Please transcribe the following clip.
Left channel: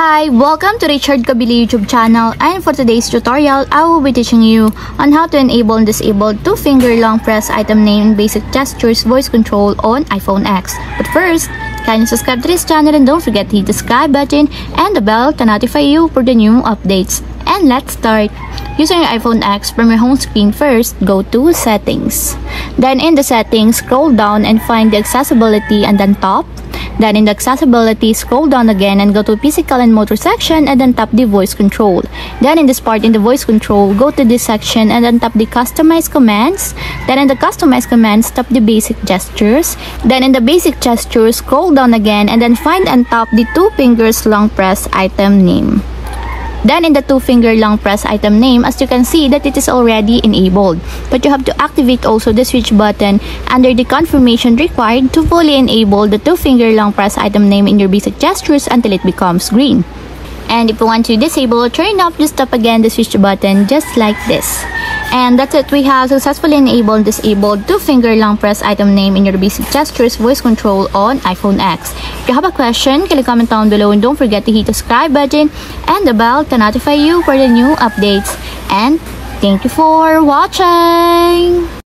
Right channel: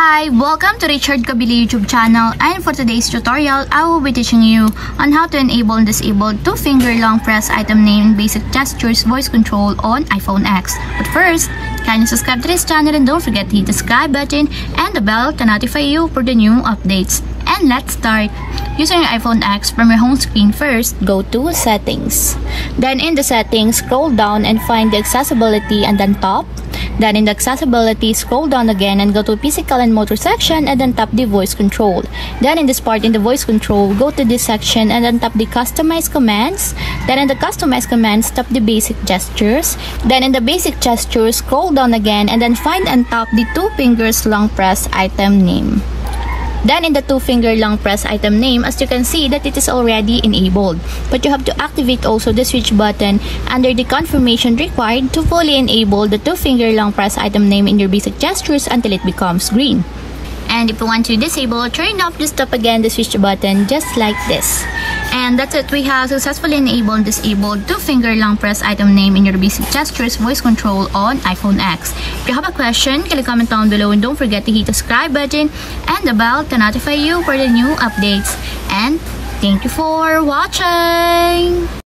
Hi, welcome to Richard Kabili YouTube channel, and for today's tutorial, I will be teaching you on how to enable and disable 2-finger long press item name in basic gestures voice control on iPhone X. But first, kindly subscribe to this channel and don't forget to hit the subscribe button and the bell to notify you for the new updates. And let's start. Using your iPhone X, from your home screen first, go to Settings. Then in the Settings, scroll down and find the Accessibility and then Top. Then in the Accessibility, scroll down again and go to Physical and Motor section and then tap the Voice Control. Then in this part in the Voice Control, go to this section and then tap the Customize Commands. Then in the Customize Commands, tap the Basic Gestures. Then in the Basic Gestures, scroll down again and then find and tap the 2 fingers long press item name. Then in the 2-finger long press item name, as you can see that it is already enabled. But you have to activate also the switch button under the confirmation required to fully enable the 2-finger long press item name in your basic gestures until it becomes green. And if you want to disable or turn off, just tap again the switch button just like this. And that's it, we have successfully enabled and disabled 2-finger long press item name in your basic gestures voice control on iPhone X. If you have a question, can you comment down below and don't forget to hit the subscribe button and the bell to notify you for the new updates. And thank you for watching!